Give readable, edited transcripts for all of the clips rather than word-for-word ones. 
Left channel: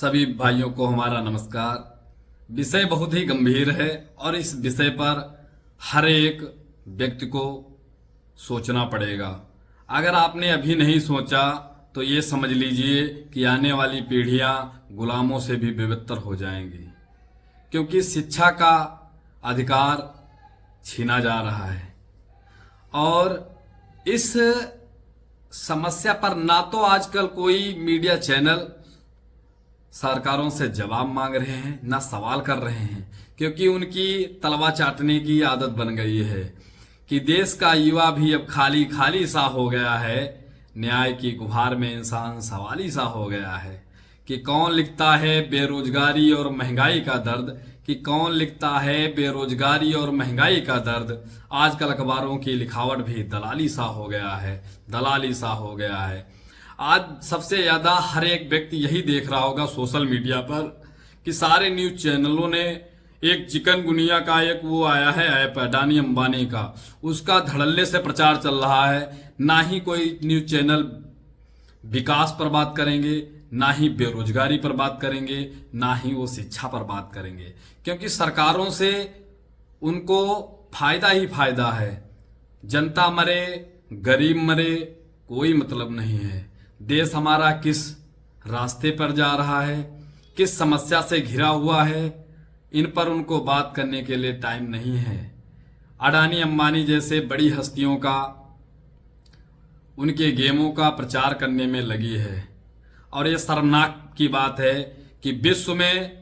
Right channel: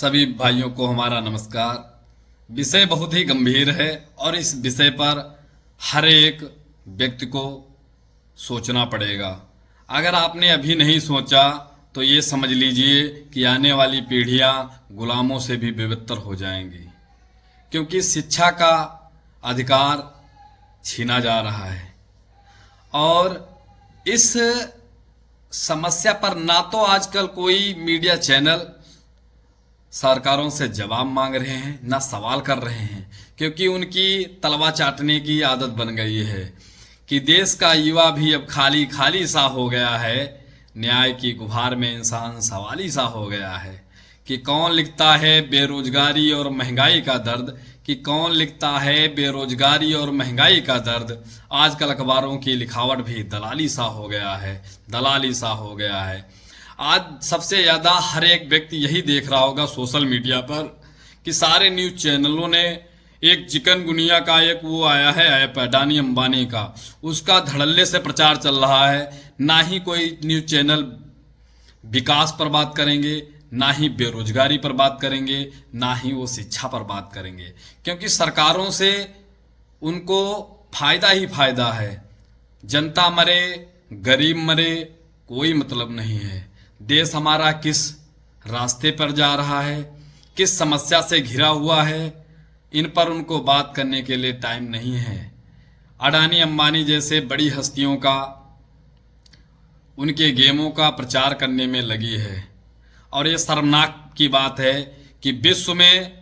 सभी भाइयों को हमारा नमस्कार। विषय बहुत ही गंभीर है और इस विषय पर हर एक व्यक्ति को सोचना पड़ेगा। अगर आपने अभी नहीं सोचा तो ये समझ लीजिए कि आने वाली पीढ़ियां गुलामों से भी बेबत्तर हो जाएंगी, क्योंकि शिक्षा का अधिकार छीना जा रहा है। और इस समस्या पर ना तो आजकल कोई मीडिया चैनल सरकारों से जवाब मांग रहे हैं, ना सवाल कर रहे हैं, क्योंकि उनकी तलवा चाटने की आदत बन गई है कि देश का युवा भी अब खाली खाली सा हो गया है। न्याय की गुहार में इंसान सवाली सा हो गया है कि कौन लिखता है बेरोजगारी और महंगाई का दर्द, कि कौन लिखता है बेरोजगारी और महंगाई का दर्द। आजकल अखबारों की लिखावट भी दलाली सा हो गया है, दलाली सा हो गया है। आज सबसे ज़्यादा हर एक व्यक्ति यही देख रहा होगा सोशल मीडिया पर कि सारे न्यूज़ चैनलों ने एक चिकनगुनिया का एक वो आया है ऐप अडानी अंबानी का, उसका धड़ल्ले से प्रचार चल रहा है। ना ही कोई न्यूज़ चैनल विकास पर बात करेंगे, ना ही बेरोजगारी पर बात करेंगे, ना ही वो शिक्षा पर बात करेंगे, क्योंकि सरकारों से उनको फायदा ही फायदा है। जनता मरे गरीब मरे कोई मतलब नहीं है। देश हमारा किस रास्ते पर जा रहा है, किस समस्या से घिरा हुआ है, इन पर उनको बात करने के लिए टाइम नहीं है। अडानी अंबानी जैसे बड़ी हस्तियों का उनके गेमों का प्रचार करने में लगी है। और ये शर्मनाक की बात है कि विश्व में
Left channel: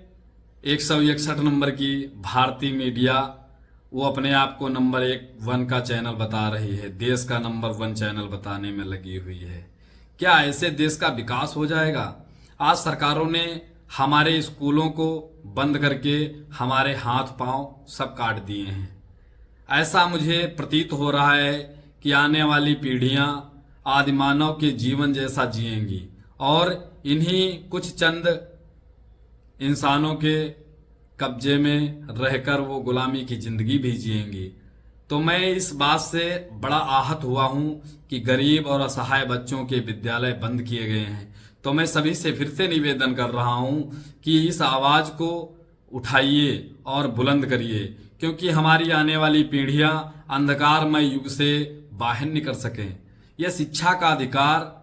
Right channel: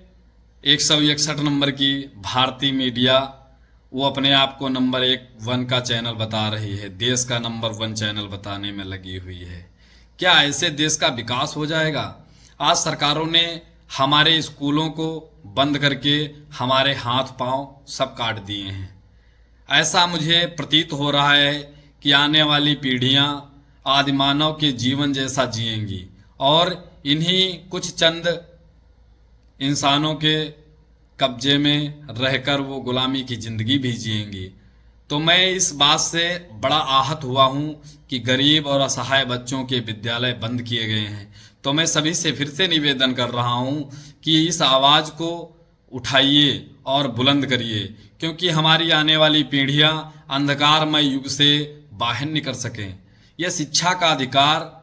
161 नंबर की भारतीय मीडिया वो अपने आप को नंबर 1 का चैनल बता रही है, देश का नंबर 1 चैनल बताने में लगी हुई है। क्या ऐसे देश का विकास हो जाएगा? आज सरकारों ने हमारे स्कूलों को बंद करके हमारे हाथ पांव सब काट दिए हैं। ऐसा मुझे प्रतीत हो रहा है कि आने वाली पीढ़ियां आदिमानव के जीवन जैसा जिएंगी और इन्हीं कुछ चंद इंसानों के कब्जे में रहकर वो गुलामी की जिंदगी भी जिएंगी। तो मैं इस बात से बड़ा आहत हुआ हूँ कि गरीब और असहाय बच्चों के विद्यालय बंद किए गए हैं। तो मैं सभी से फिर से निवेदन कर रहा हूँ कि इस आवाज़ को उठाइए और बुलंद करिए, क्योंकि हमारी आने वाली पीढ़ियाँ अंधकारमय युग से बाहर निकल सकें। यह शिक्षा का अधिकार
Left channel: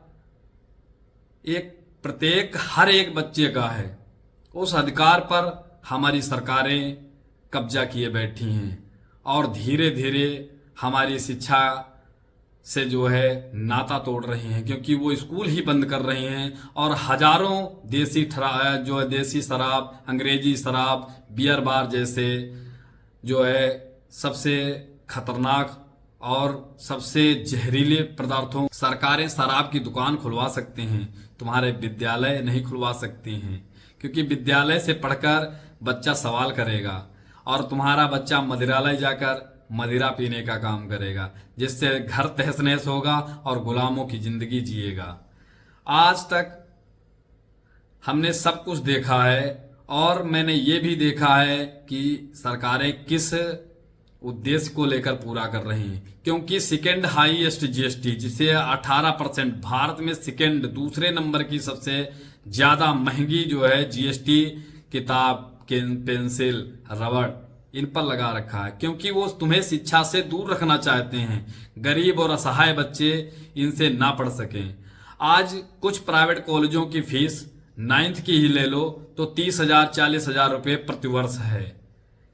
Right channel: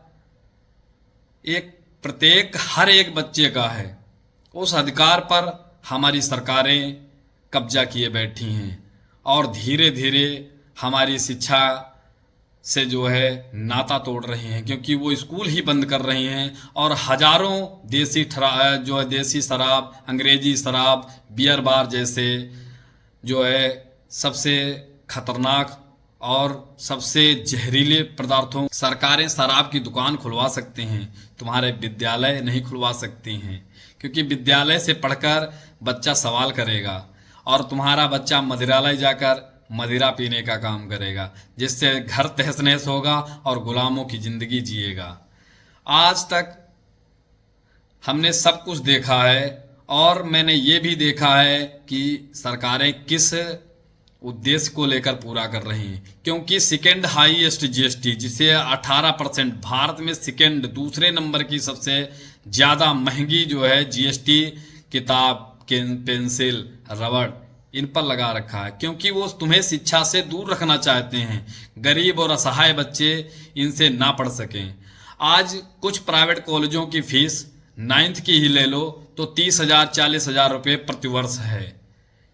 एक प्रत्येक हर एक बच्चे का है। उस अधिकार पर हमारी सरकारें कब्जा किए बैठी हैं और धीरे धीरे हमारी शिक्षा से जो है नाता तोड़ रही हैं, क्योंकि वो स्कूल ही बंद कर रही हैं और हजारों देसी शराब, अंग्रेजी शराब, बियर बार जैसे जो है सबसे खतरनाक और सबसे जहरीले पदार्थों, सरकारें शराब की दुकान खुलवा सकते हैं, तुम्हारे विद्यालय नहीं खुलवा सकती हैं, क्योंकि विद्यालय से पढ़कर बच्चा सवाल करेगा और तुम्हारा बच्चा मदिरालय जाकर मदिरा पीने का काम करेगा, जिससे घर तहस नहस होगा और गुलामों की जिंदगी जिएगा। आज तक हमने सब कुछ देखा है और मैंने ये भी देखा है कि सरकारें किस उद्देश्य को लेकर पूरा कर रही हैं, क्योंकि सेकेंड हाईएस्ट जीएसटी जिसे 18% भारत में सेकेंड दूसरे नंबर की सबसे ज़्यादा महंगी जो है जीएसटी किताब, पेंसिल, रबड़ इन पर लगा रखा है, क्योंकि वो तुम्हें शिक्षा से दूर रखना चाहते हैं। गरीब और असहाय बच्चे इनसे ना पढ़ सकें। आज कुछ प्राइवेट कॉलेजों की फीस 9th की ही ले लो तो 30,000 40,000 रुपये प्रतिवर्ष है,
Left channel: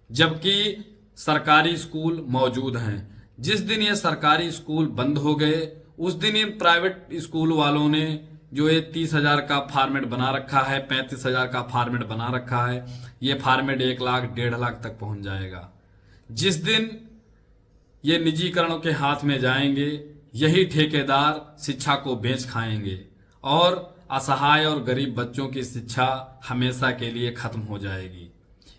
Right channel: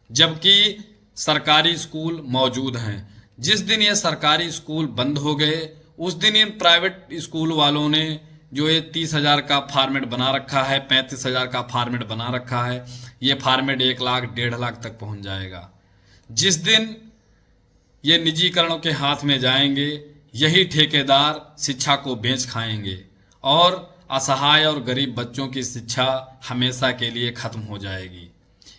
जबकि सरकारी स्कूल मौजूद हैं। जिस दिन ये सरकारी स्कूल बंद हो गए उस दिन इन प्राइवेट स्कूल वालों ने जो ये 30,000 का फॉर्मेट बना रखा है, 35,000 का फॉर्मेट बना रखा है, ये फॉर्मेट 1 लाख 1.5 लाख तक पहुंच जाएगा। जिस दिन ये निजीकरणों के हाथ में जाएंगे यही ठेकेदार शिक्षा को बेच खाएंगे और असहाय और गरीब बच्चों की शिक्षा हमेशा के लिए खत्म हो जाएगी।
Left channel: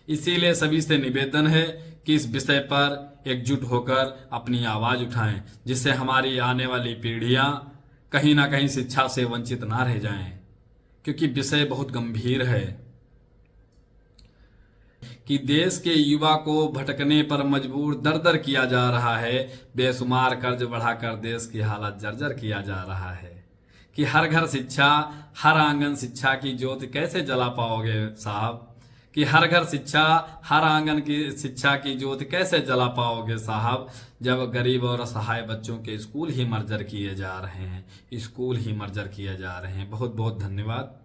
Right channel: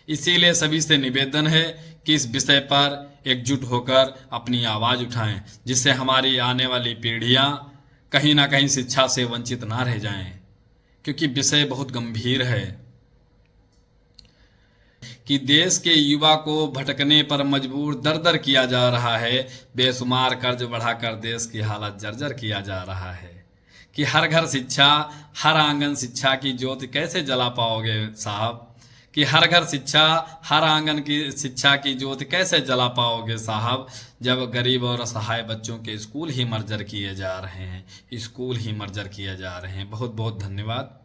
इसीलिए सभी से निवेदन है कि इस विषय पर एकजुट होकर अपनी आवाज़ उठाएं, जिससे हमारी आने वाली पीढ़ियां कहीं ना कहीं शिक्षा से वंचित ना रह जाएं, क्योंकि विषय बहुत गंभीर है कि देश के युवा को भटकने पर मजबूर दर दर किया जा रहा है, बेशुमार कर्ज बढ़ाकर देश की हालत जर्जर किया जा रहा है। कि हर घर शिक्षा, हर आंगन शिक्षा की ज्योति कैसे जला पाओगे साहब, कि हर घर शिक्षा, हर आंगन की शिक्षा की ज्योति कैसे जला पाओगे साहब, जब गरीब और असहाय बच्चों के स्कूल ही मर्जर किए जा रहे हैं, स्कूल ही मर्जर किए जा रहे हैं। बहुत बहुत धन्यवाद।